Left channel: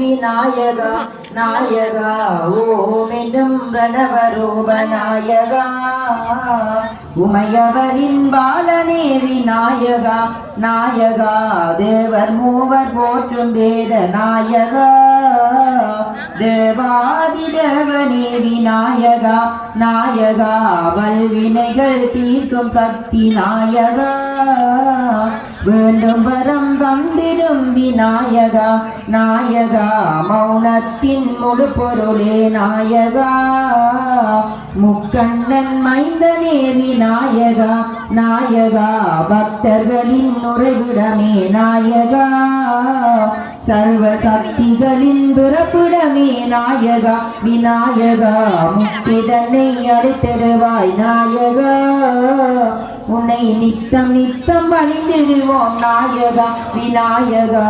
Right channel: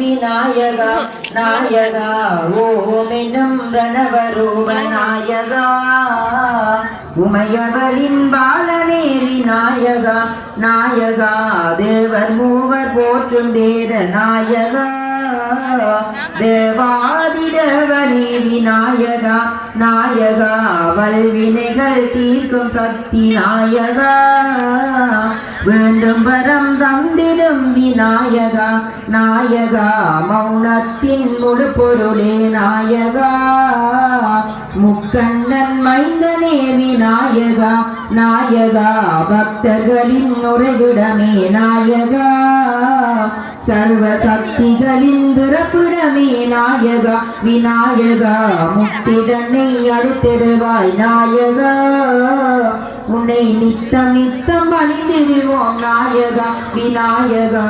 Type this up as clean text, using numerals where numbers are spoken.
விநாயகா நாயகா ஓம் என்னும் பிரணவரூப நாயகா உமையவரின் பாலனே விநாயகா நாயகா தேவர் மூவர் போற்றும் வேத நாயகா தேவாதிதேவனே விநாயகா நாயகா வல்வினைகள் தீர்க்கும் சக்தி நாயகா வேண்டும் வரம் தந்திடும் விநாயகா நாயகா மௌனத்தின் முழு பொருளே நாயகா முக்கண்ணன் மைந்தனே விநாயகா நாயகா பக்தர்களின் உறைவிடமே நாயகா சர்வ சக்திகளின் பிறப்பிடமே நாயகா விநாயகா முக்திதனை அடுத்திடுவாய் நாயகா உன்னை நித்தம் நித்தம் பணிந்திடுவோம் நாயகா விநாயகா